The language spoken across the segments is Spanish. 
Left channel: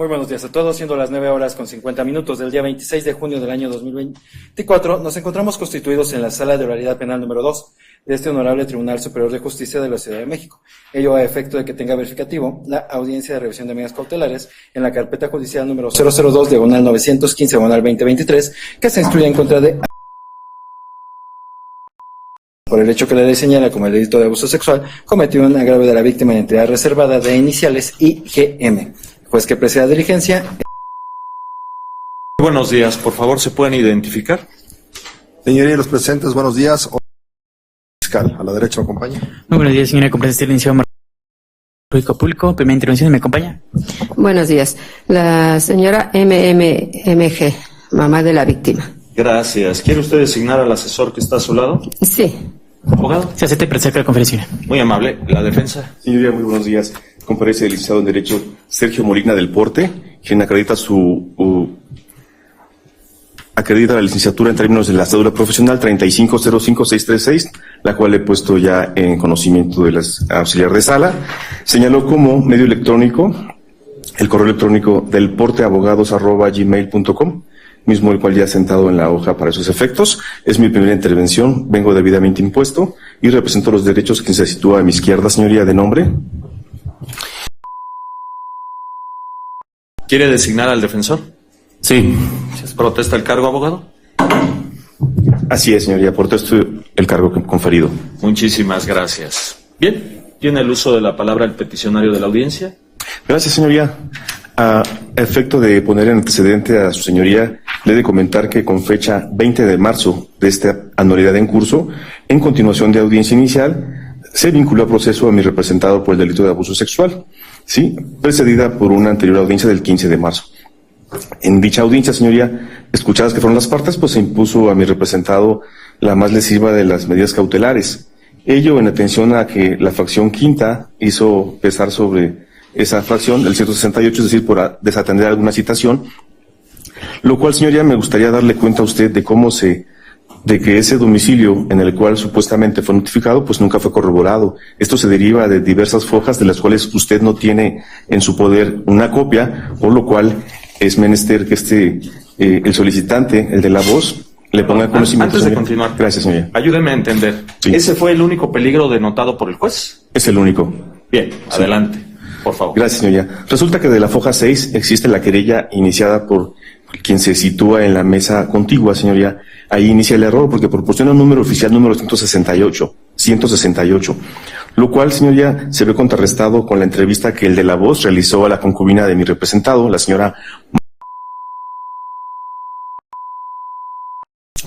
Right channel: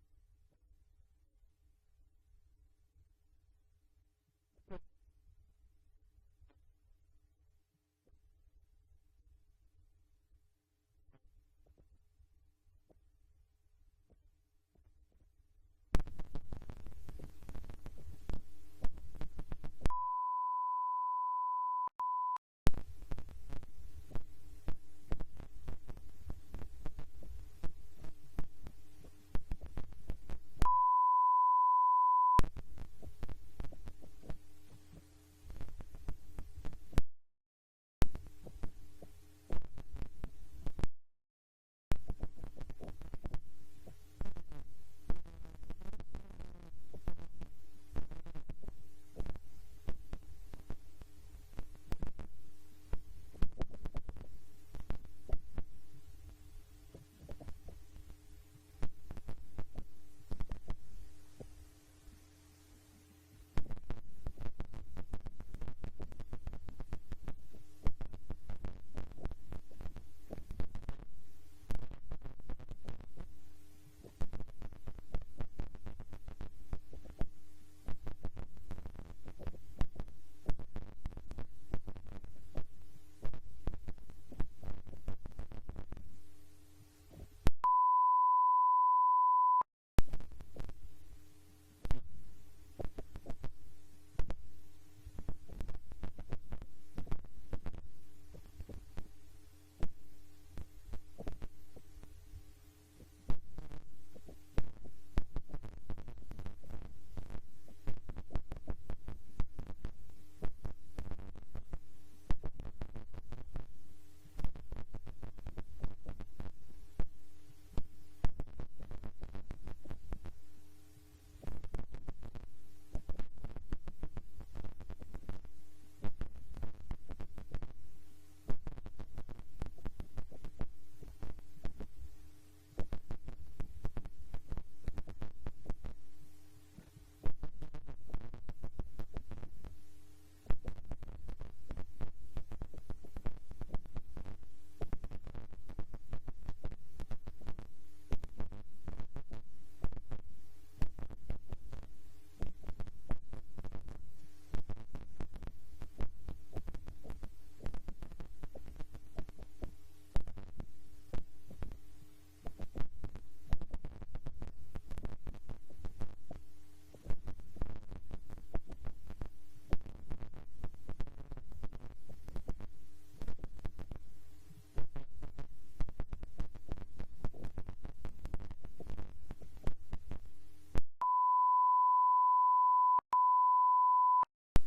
Muy buenos días a todos, siendo las 9:50 del día 26 de junio del año 2024, nos encontramos constituidos en la Sala de Oralidad Penal número 2 de este Honorable Tribunal Superior de Justicia de la Ciudad de México. Ello a efecto de que tenga verificativo la audiencia de revisión de medidas cautelares en la carpeta judicial número 002/915/2023, que se instruye en contra de por el hecho que la ley señala como el delito de abuso sexual cometido en agravio de la víctima en entidad reservada de iniciales IGM. Juez que presida diligencia. Buenos días, por favor, ¿se pueden identificar? Señoría, los presentes, buenos días. Fiscal, a la derecha me acompaña. Muy buenos días, señora. Con presencia del licenciado Público, primera intervención, ¿me acompaña? Buenos días. La señora MMG, mamá de la víctima. Gracias. ¿Quiere usted designar al asesor que está a su lado? Sí. Abogado. Se acepta y presenta la conferencia. Muy amable. La defensa. Señoría, muy buenos días. Comparece el licenciado en Derecho Sergio Molina del Porte, quien acredita acredita la licenciatura en términos de la cédula profesional 3505636, la cual he puesto ya en conocimiento de las auxiliar de sala. Señaló como medio electrónico el correo electrónico del porteabogados@gmail.com, mismo el cual ya he sentado en la hoja para esos efectos. Es mi primera intervención, vengo debidamente impuesto y represento los derechos quien se sitúa a mi izquierda, señoría, de nombre. ¿Quiere designar al defensor? Sí. ¿Protesta el cargo, abogado? Así es, señoría, protesto el cargo conferido. Muchísimas gracias. Bien, ¿tiene el uso de la palabra el peticionario de la audiencia? Gracias, señoría. A efecto de poner en antecedente a su señoría, le he de comentar que con fecha 20 de marzo de esta anualidad en curso, en continuación de audiencia inicial, se vinculó a proceso a mi representado por el delito de abuso sexual, sí, precedida por una anterior audiencia del 15 de marzo. En dicha audiencia, señoría, escuchadas que fueron las partes, pues se impuso a mi representado la más lesiva de las medidas cautelares. Ello en atención a que la fracción quinta hizo pesar sobre esa fracción del 168, es decir, por desatender alguna citación, lo cual, señoría, me gustaría darle cuenta a usted de que ese domicilio en el cual supuestamente fue notificado, pues nunca fue corroborado. Esto se deriva de diversas fojas de las cuales usted no tiene en su poder una copia, por lo cual es menester que el solicitante, el de la voz, le ponga en conocimiento. Antes de señoría. continuar, Gracias, señoría. Ayúdeme a entender. Sí. ¿Ese fue el único peligro denotado por el juez? Es el único. Bien, adelante, por favor. Gracias, señoría. Resulta que de la foja 6 existe la querella iniciada por quien se sitúa en la mesa contigua, señoría. Ahí inicia el error porque proporciona un número oficial número 168, lo cual, señoría, se ve contrarrestado con la entrevista que el de la voz realizó a la concubina de mi representado, la señora,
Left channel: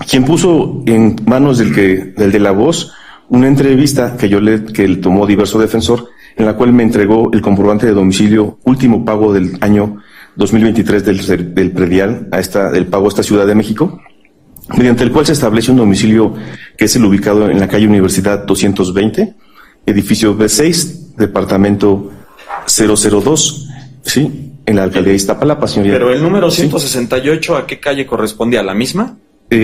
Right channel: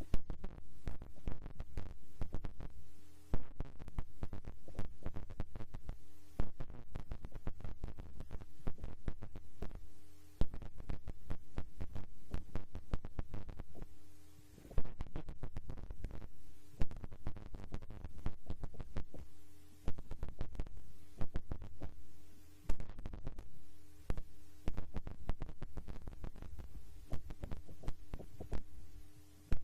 quien puso en manos del de la voz una entrevista que él tomó diverso defensor, en la cual me entregó el comprobante de domicilio, último pago del año 2023 del predial del pago a esta Ciudad de México, mediante el cual se establece un domicilio que es el ubicado en la calle Universidad 220, edificio B6, departamento 002, ¿sí? En la alcaldía de Iztapalapa, señoría. Pero el número 168, ¿a qué calle corresponde? ¿A la misma?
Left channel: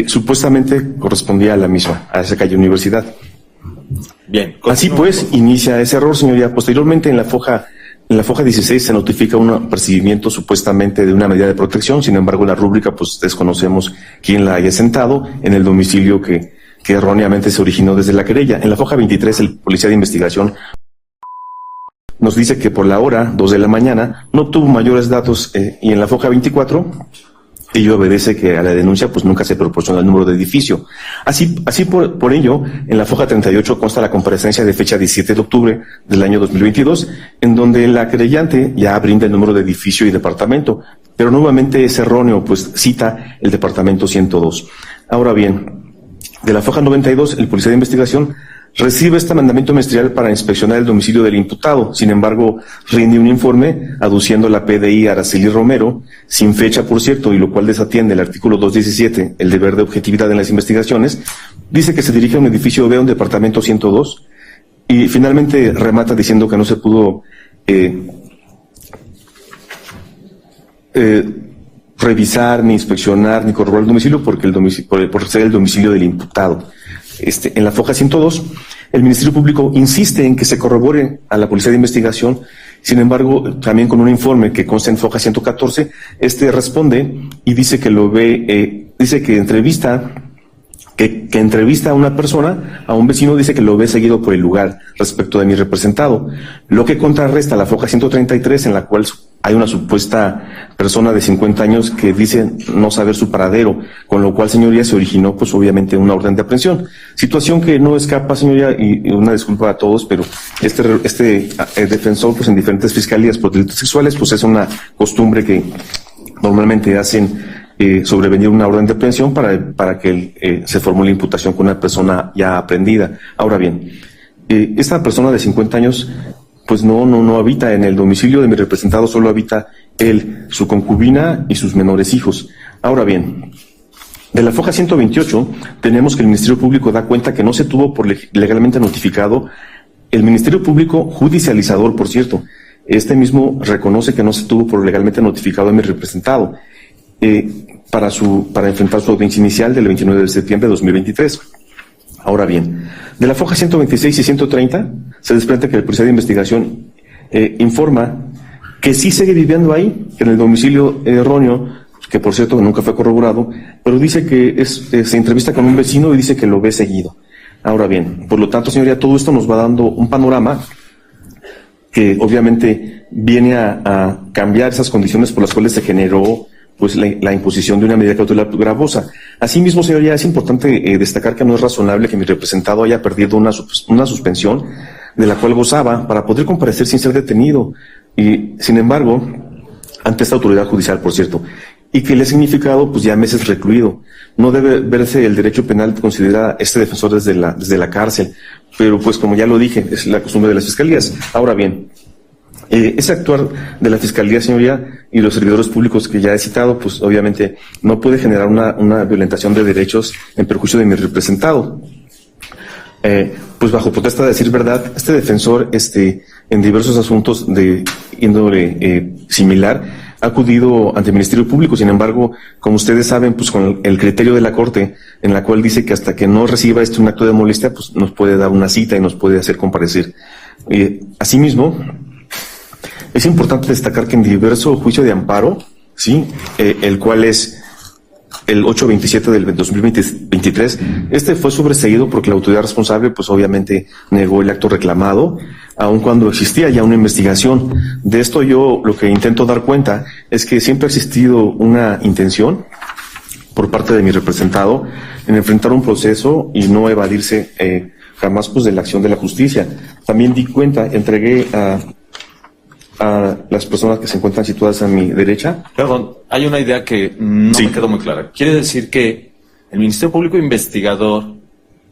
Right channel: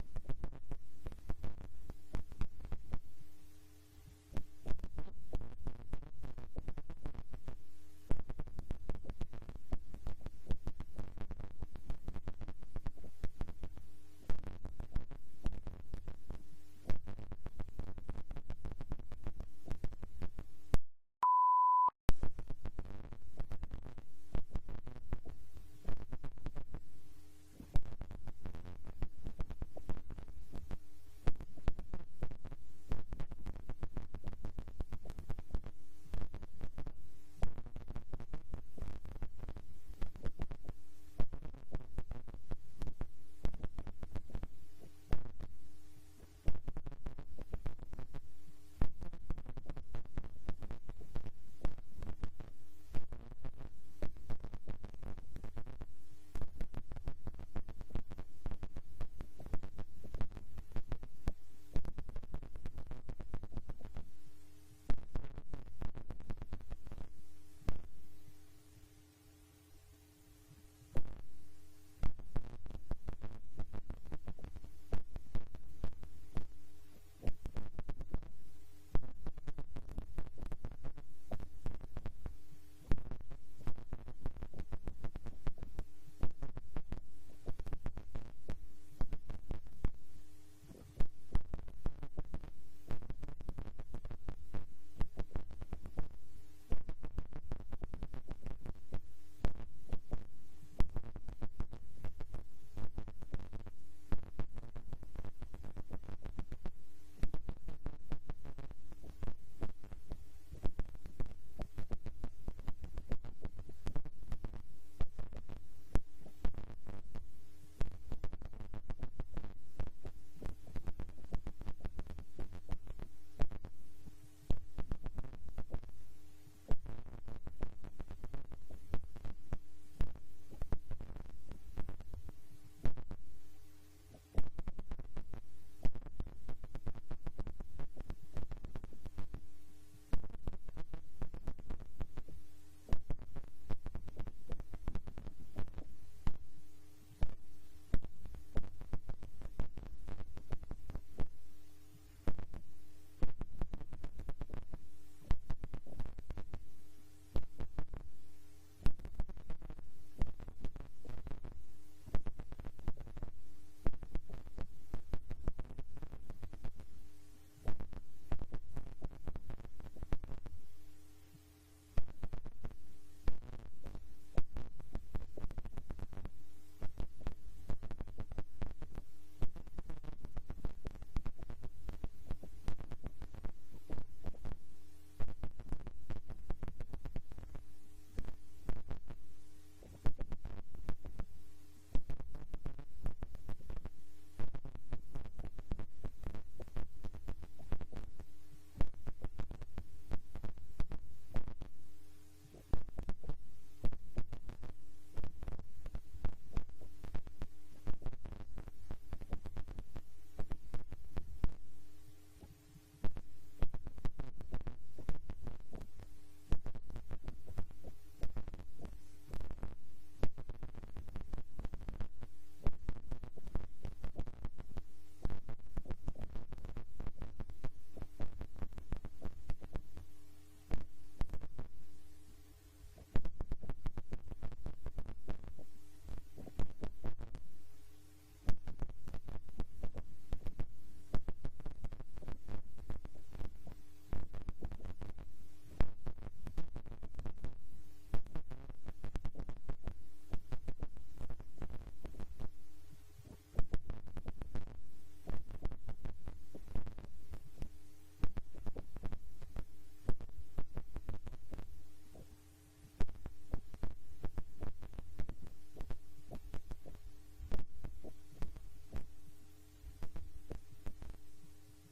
Supuestamente correspondía a la misma, a esa calle Universidad. Bien. Así pues, inicia ese error, señoría. Posteriormente, en la foja 16 se notifica un apercibimiento supuestamente de una medida de protección. Sin embargo, la rúbrica, pues desconocemos quién la haya sentado en el domicilio que erróneamente se originó desde la querella. En la foja 23, el policía de investigación nos dice que por la hora, 2 de la mañana, no tuvo mayores datos, y en la foja 24, ello obedece que a la denuncia pues nunca se proporciona el número de edificio. Así por ello, en la foja 38 consta la comparecencia de fecha 17 de octubre del año 2022, en donde la querellante ya brinda el número de edificio y departamento, pero nuevamente es erróneo, pues cita el departamento 102. Ahora bien, de la foja 92, el policía de investigación recibe este mandamiento ministerial para inspeccionar el domicilio del imputado. Sin embargo, rinde un informe aduciendo la PDI Araceli Romero, sin fecha, por cierto, y lo cual desatiende el artículo 217, el deber de objetividad en las investigaciones. Dice que se dirige a un edificio B, un departamento 102, y finalmente remata diciendo que no se pudo revisar, ni inspeccionar, ni corroborar el domicilio por ser el domicilio del imputado. en la foja 102, el Ministerio Público insiste en que se corrobore a la Policía de Investigación. Sin embargo, también con un informe que consta en foja 114, responde y dice que lo ve, dice que entrevista a una persona, a un vecino, dice que lo ve seguido por el lugar respecto de mi representado, lo que contrarresta la foja 133, en la cual hay una supuesta persona de 50 años que dice no saber su paradero, con lo cual, señoría, se originó pues obviamente una orden de aprehensión. Situación que no escapa, señoría, y una disculpa a todos, pero este defensor pues en diferentes fiscalías por delitos sexuales pues es una costumbre que normalmente hacen sobrevenir una orden de aprehensión para que se formule imputación con una persona ya aprehendida. Ahora bien, esta persona de 50 años pues no habita en el domicilio de mi representado, solo habita él, su concubina y sus menores hijos. Ahora bien, de la foja 128 tenemos que el Ministerio Público da cuenta que no se tuvo por legalmente notificado. El Ministerio Público judicializador, por cierto, este mismo reconoce que no se tuvo por legalmente notificado a mi representado para enfrentar su audiencia inicial del 29 de septiembre de 2023. Ahora bien, de la foja 126 y 130 se desprende que la Policía de Investigación informa que sí sigue viviendo ahí, en el domicilio erróneo, que por cierto nunca fue corroborado, pero dice que se entrevista con un vecino y dice que lo ve seguido. Ahora bien, por lo tanto, señoría, todo esto nos va dando un panorama que obviamente viene a cambiar esas condiciones por las cuales se generó pues la imposición de una medida cautelar gravosa. Asimismo, señoría, es importante destacar que no es razonable que mi representado haya perdido una suspensión de la cual gozaba para poder comparecer sin ser detenido, y sin embargo, ante esta autoridad judicial, por cierto, y que le ha significado pues ya meses recluido. No debe verse el derecho penal considera este defensor desde la cárcel, pero pues como ya lo dije, es la costumbre de las fiscalías. Ahora bien, ese actuar de la Fiscalía, señoría, y los servidores públicos que ya he citado, pues obviamente no puede generar una violentación de derechos en perjuicio de mi representado. Pues bajo protesta de decir verdad, este defensor, en diversos asuntos de índole similar, ha acudido ante el Ministerio Público. Sin embargo, como ustedes saben, pues con el criterio de la Corte, en la cual dice que hasta que no reciba un acto de molestia, pues nos puede dar una cita y nos puede hacer comparecer. Asimismo, es importante destacar que en diverso juicio de amparo, ¿sí? El cual es el 827 del 2023, fue sobreseído porque la autoridad responsable, pues obviamente negó el acto reclamado, aun cuando existía ya una investigación. De esto yo lo que intento dar cuenta es que siempre ha existido una intención por parte de mi representado en enfrentar un proceso y no evadirse jamás pues de la acción de la justicia. También di cuenta, entregué a las personas que se encuentran situadas a mi derecha. Perdón, hay una idea que no me quedó muy clara. Quiere decir que el Ministerio Público Investigador,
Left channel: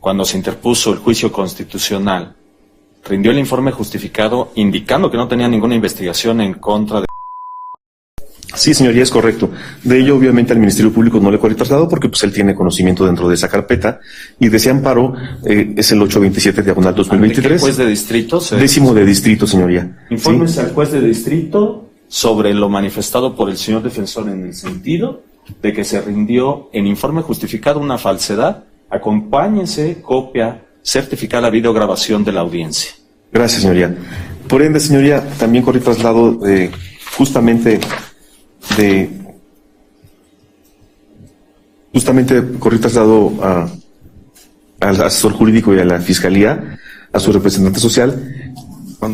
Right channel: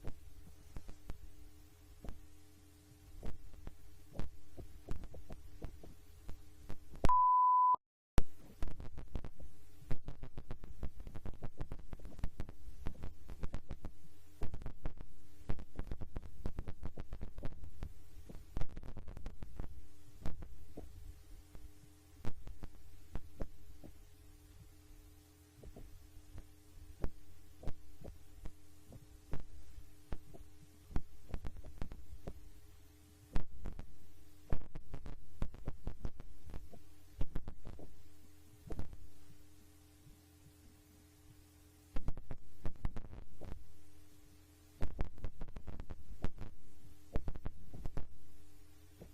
cuando se interpuso el juicio constitucional, rindió el informe justificado indicando que no tenía ninguna investigación en contra de... Sí, señoría, es correcto. De ello, obviamente, al Ministerio Público no le fue trasladado porque pues él tiene conocimiento dentro de esa carpeta, y de ese amparo es el 827/2023. ¿El juez de distrito? 10º de distrito, señoría. Informes ¿sí? al juez de distrito sobre lo manifestado por el señor defensor en el sentido de que se rindió en informe justificado una falsedad. Acompáñense copia certificada videograbación de la audiencia. Gracias, señoría. Por ende, señoría, también corrí traslado justamente corrí traslado al asesor jurídico y a la fiscalía, a su representante social,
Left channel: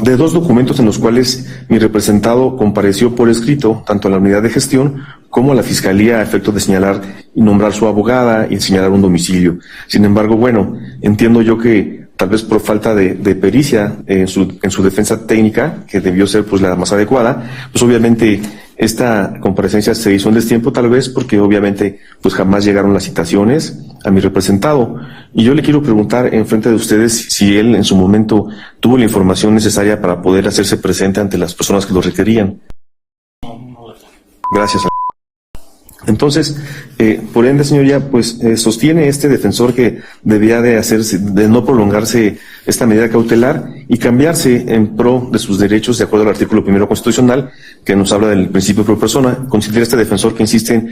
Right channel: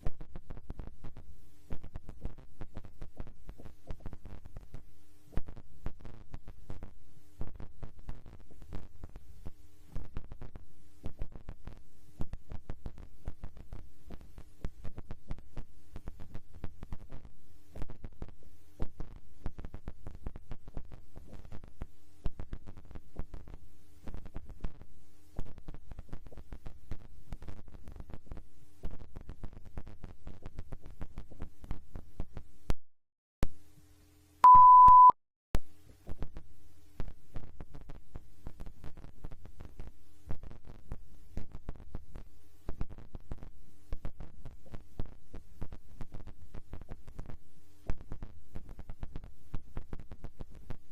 de 2 documentos en los cuales mi representado compareció por escrito tanto a la unidad de gestión como a la fiscalía a efecto de señalar y nombrar su abogada y señalar un domicilio. Sin embargo, bueno, entiendo yo que tal vez por falta de pericia en su defensa técnica, que debió ser pues la más adecuada, pues obviamente esta comparecencia se hizo en destiempo, tal vez porque obviamente pues jamás llegaron las citaciones a mi representado. Y yo le quiero preguntar en frente de ustedes si él en su momento tuvo la información necesaria para poder hacerse presente ante las personas que lo requerían. Gracias. Entonces, por ende, señoría, pues sostiene este defensor que debía de no prolongarse esta medida cautelar y cambiarse en pro de sus derechos de acuerdo al artículo 1 constitucional, que nos habla del principio pro persona. Considera este defensor que insiste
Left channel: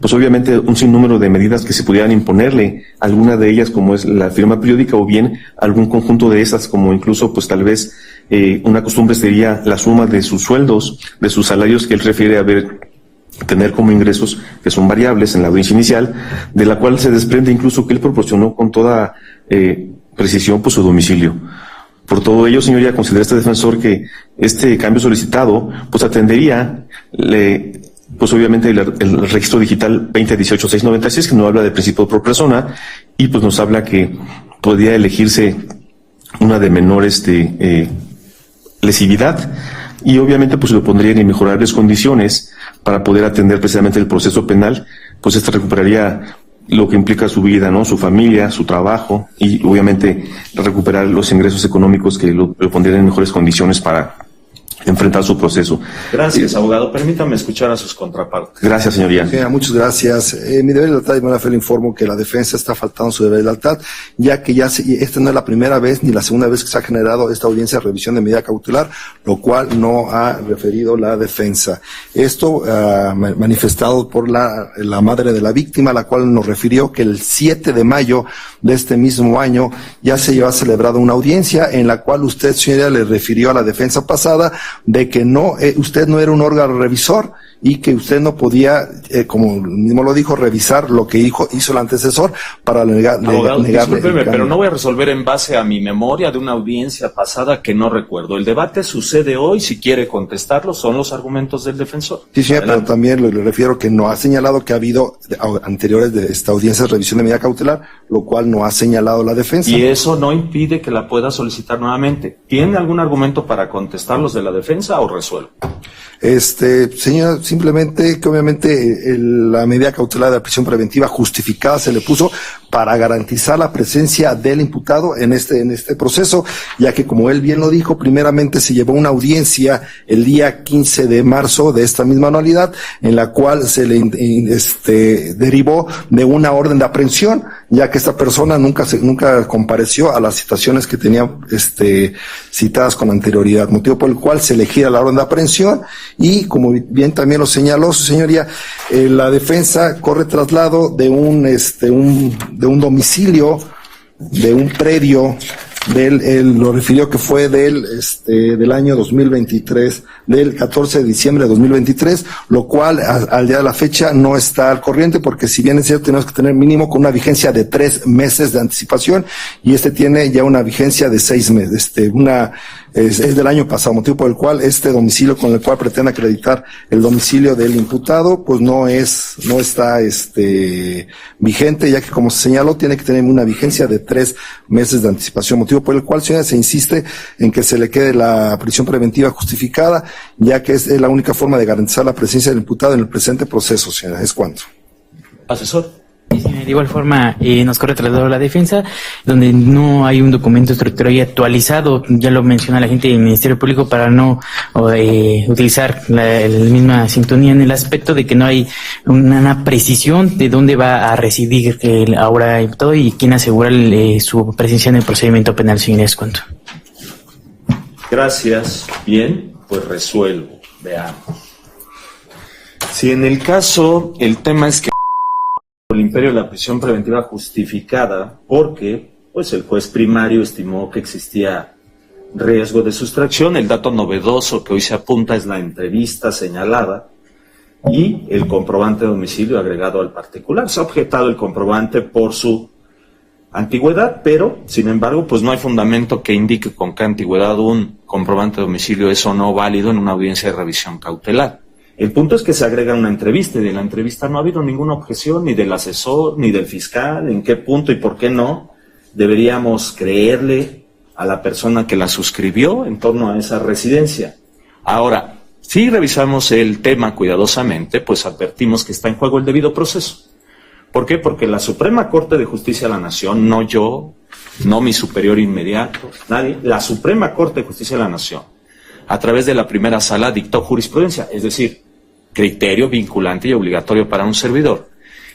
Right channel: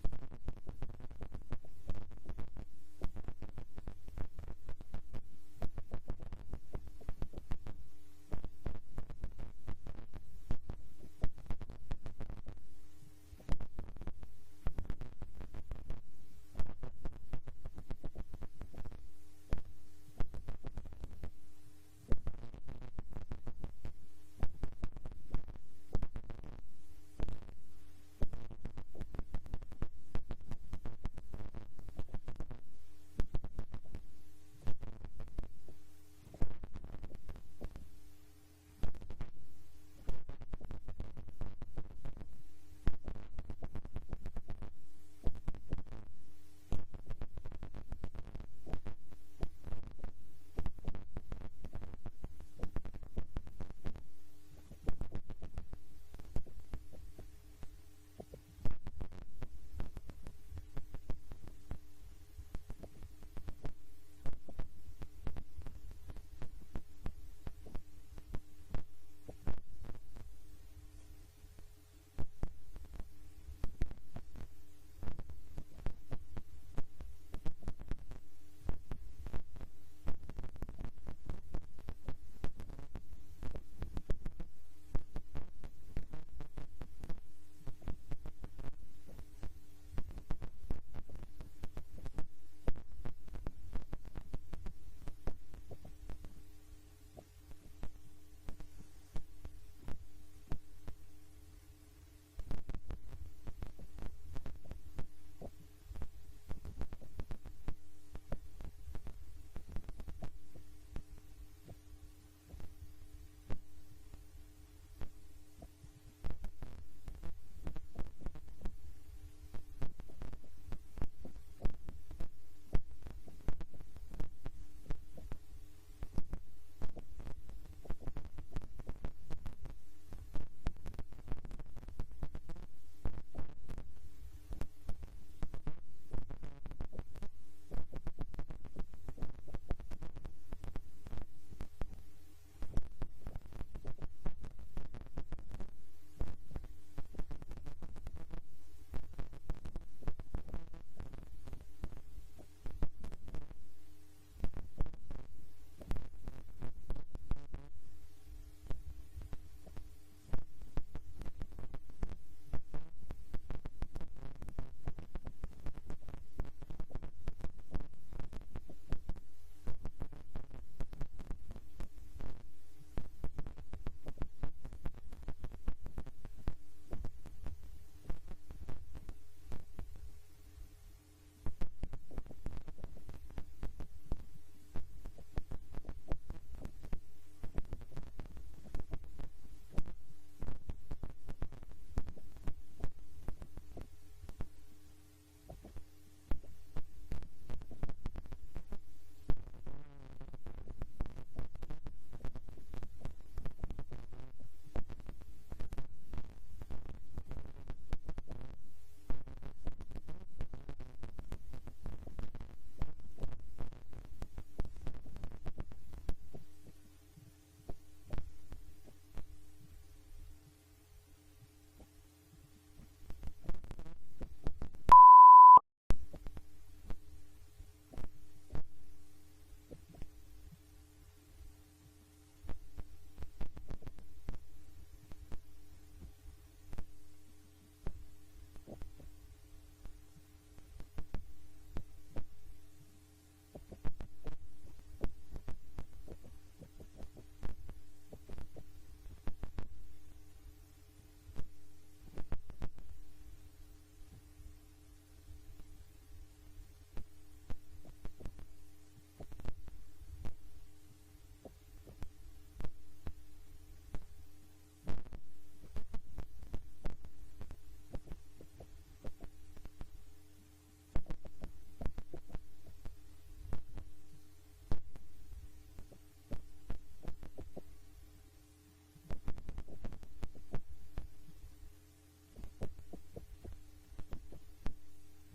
pues obviamente un sinnúmero de medidas que se pudieran imponerle, alguna de ellas como es la firma periódica o bien algún conjunto de esas, como incluso pues tal vez una costumbre sería la suma de sus sueldos, de sus salarios que él refiere a tener como ingresos que son variables en la audiencia inicial, de la cual se desprende incluso que él proporcionó con toda precisión pues su domicilio. Por todo ello, señoría, considera este defensor que este cambio solicitado pues atendería pues obviamente el registro digital 2018-696, que no habla de principio por persona, y pues nos habla que podría elegirse una de menor lesividad, y obviamente pues lo pondría en mejorarles condiciones para poder atender precisamente el proceso penal, pues recuperaría lo que implica su vida, ¿no? Su familia, su trabajo, y obviamente recuperar los ingresos económicos que lo pondrían en mejores condiciones para enfrentar su proceso. Gracias, abogado. Permítame escuchar a sus contrapartes. Gracias, señoría. Señora, muchas gracias. Mi deber de lealtad, y buena fe le informo que la defensa está faltando su deber de lealtad, ya que esta no es la primera vez ni la segunda vez que se ha generado esta audiencia de revisión de medida cautelar, lo cual no ha referido la defensa. Esto manifestado por la madre de la víctima, la cual nos refirió que el 7 de mayo de este mismo año ya se llevó celebrado una audiencia en la cual usted, señoría, le refirió a la defensa pasada de que usted no era un órgano revisor y que usted no podía, como mismo lo dijo, revisar lo que hizo el antecesor para negarle. Discúlpeme, pero no voy a resolver en base a mi memoria de una audiencia pasada que no recuerdo. El debate sucede hoy, si quiere contestarlo, son los argumentos del defensor. Sí, señor, pero también le refiero que no ha señalado que ha habido anteriores de esta audiencia de revisión de medida cautelar, lo cual no ha señalado la defensa. Y eso no impide que la pueda solicitar nuevamente. ¿Tiene algún argumento para contestar los de la defensa o resuelvo? Señor, simplemente que obviamente la medida cautelar de la prisión preventiva justificada se le puso para garantizar la presencia del imputado en este proceso, ya que como él bien lo dijo, primeramente se llevó una audiencia el día 15 de marzo de esta misma anualidad, en la cual se le derivó de una orden de aprehensión, ya que esta persona nunca compareció a las citaciones que tenía citadas con anterioridad, motivo por el cual se le gira la orden de aprehensión. Y como bien también lo señaló su señoría, la defensa corre traslado de un domicilio, de un predio, él lo refirió que fue del año 2023, del 14 de diciembre de 2023, lo cual al día de la fecha no está al corriente, porque si bien es cierto tenemos que tener mínimo con una vigencia de 3 meses de anticipación, y tiene ya una vigencia de 6 meses, es del año pasado, motivo por el cual este domicilio con el cual pretende acreditar el domicilio del imputado, pues no está vigente, ya que como se señaló, tiene que tener una vigencia de 3 meses de anticipación, motivo por el cual, señora, se insiste en que se le quede la prisión preventiva justificada, ya que es la única forma de garantizar la presencia del imputado en el presente proceso, señora. ¿Es cuánto? Asesor. De igual forma, nos corre traslado a la defensa, donde no hay un documento estructural y actualizado, ya lo menciona la gente del Ministerio Público, para no utilizar la misma sintonía, en el aspecto de que no hay una precisión de dónde va a residir ahora imputado y quién asegura su presencia en el procedimiento penal. Señores, ¿cuánto? Gracias. Bien, pues resuelvo. Veamos. Si en el caso el tema es que el imperio de la prisión preventiva justificada porque pues el juez primario estimó que existía riesgo de sustracción, el dato novedoso que hoy se apunta es la entrevista señalada y el comprobante de domicilio agregado al particular. Se ha objetado el comprobante por su antigüedad, pero sin embargo pues no hay fundamento que indique con qué antigüedad un comprobante de domicilio es o no válido en una audiencia de revisión cautelar. El punto es que se agrega una entrevista, y de la entrevista no ha habido ninguna objeción, ni del asesor, ni del fiscal, en qué punto y por qué no deberíamos creerle a la persona que la suscribió en torno a esa residencia. Ahora, si revisamos el tema cuidadosamente, pues advertimos que está en juego el debido proceso. ¿Por qué? Porque la Suprema Corte de Justicia de la Nación, no yo, no mi superior inmediato, nadie, la Suprema Corte de Justicia de la Nación, a través de la primera sala dictó jurisprudencia, es decir, criterio vinculante y obligatorio para un servidor,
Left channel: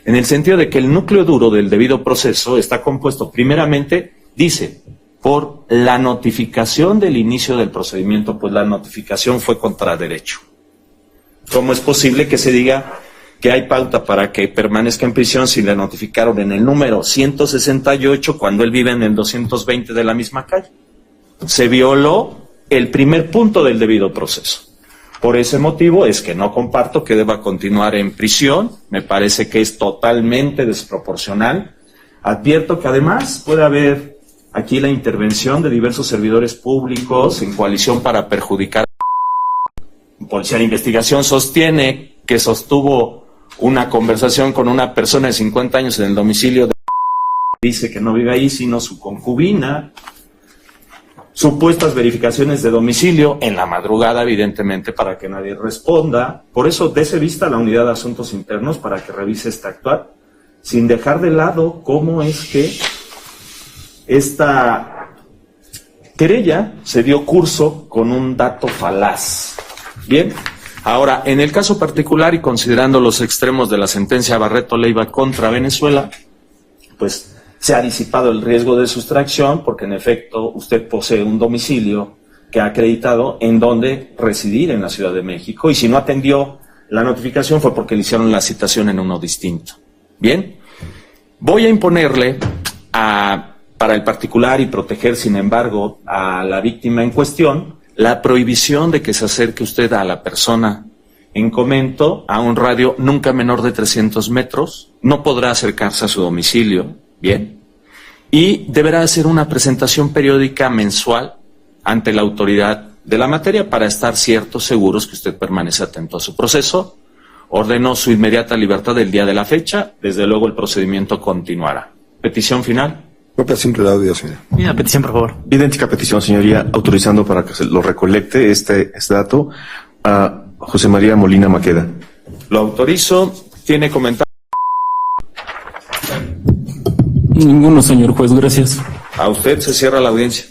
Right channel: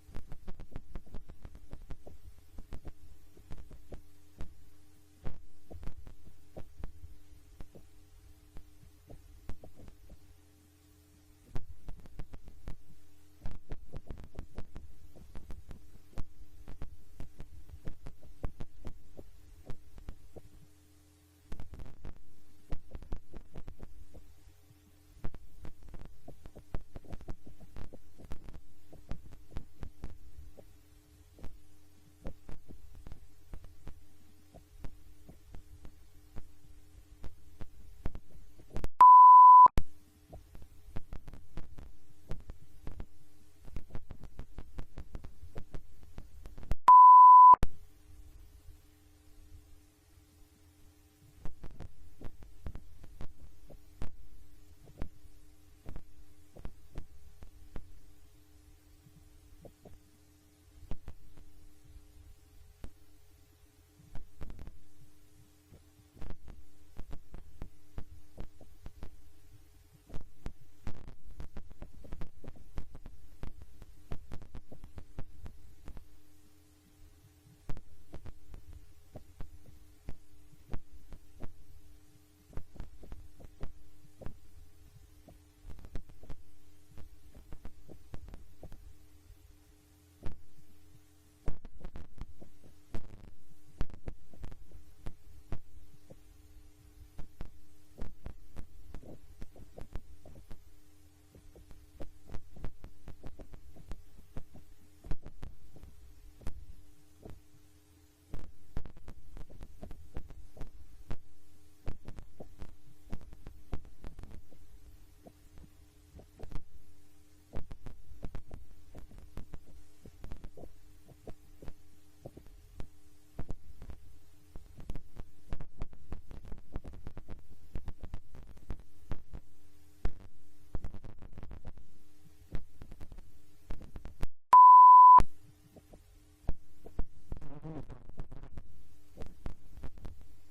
en el sentido de que el núcleo duro del debido proceso está compuesto primeramente, dice, por la notificación del inicio del procedimiento, pues la notificación fue contra derecho. ¿Cómo es posible que se diga que hay pauta para que permanezca en prisión si le notificaron en el número 168 cuando él vive en el 220 de la misma calle. Se violó el primer punto del debido proceso. Por ese motivo es que no comparto que deba continuar en prisión. Me parece que es totalmente desproporcional. Advierto que además puede haber aquí la intervención de diversos servidores públicos en coalición para perjudicar. Policía de Investigación sostiene que sostuvo una conversación con una persona de 50 años en el domicilio de... Dice que no vive ahí, sino su concubina. Supuestas verificaciones de domicilio en la madrugada, evidentemente, para que nadie responda. Por eso, dése vista a la Unidad de Asuntos Internos para que revise este actuar, sin dejar de lado cómo es que esta querella se dio curso con un dato falaz. Bien, ahora, en el caso particular y considerando los extremos de la sentencia Barreto Leiva contra Venezuela, pues se ha disipado el riesgo de sustracción porque en efecto usted posee un domicilio que ha acreditado en donde residir en la Ciudad de México y si no atendió la notificación fue porque le hicieron la citación en uno distinto. Bien, voy a imponerle para el particular y proteger sin embargo a la víctima en cuestión la prohibición de que se acerque usted a la persona en comento a un radio nunca menor de 300 metros, no podrá acercarse a su domicilio. Bien, y deberá hacer una presentación periódica mensual ante la autoridad de la materia para estar ciertos, seguros que usted permanece atento a su proceso. Ordenó su inmediata libertad el día de la fecha, desde luego el procedimiento continuará. ¿Petición final? Copia simple de audio, señor. Una petición, por favor. Idéntica petición, señoría, autorizando para que se lo recolecte este dato a José María Molina Maqueda. Lo autorizo. ¿Tiene comentario? Ninguno, señor juez, gracias. A usted se cierra la audiencia.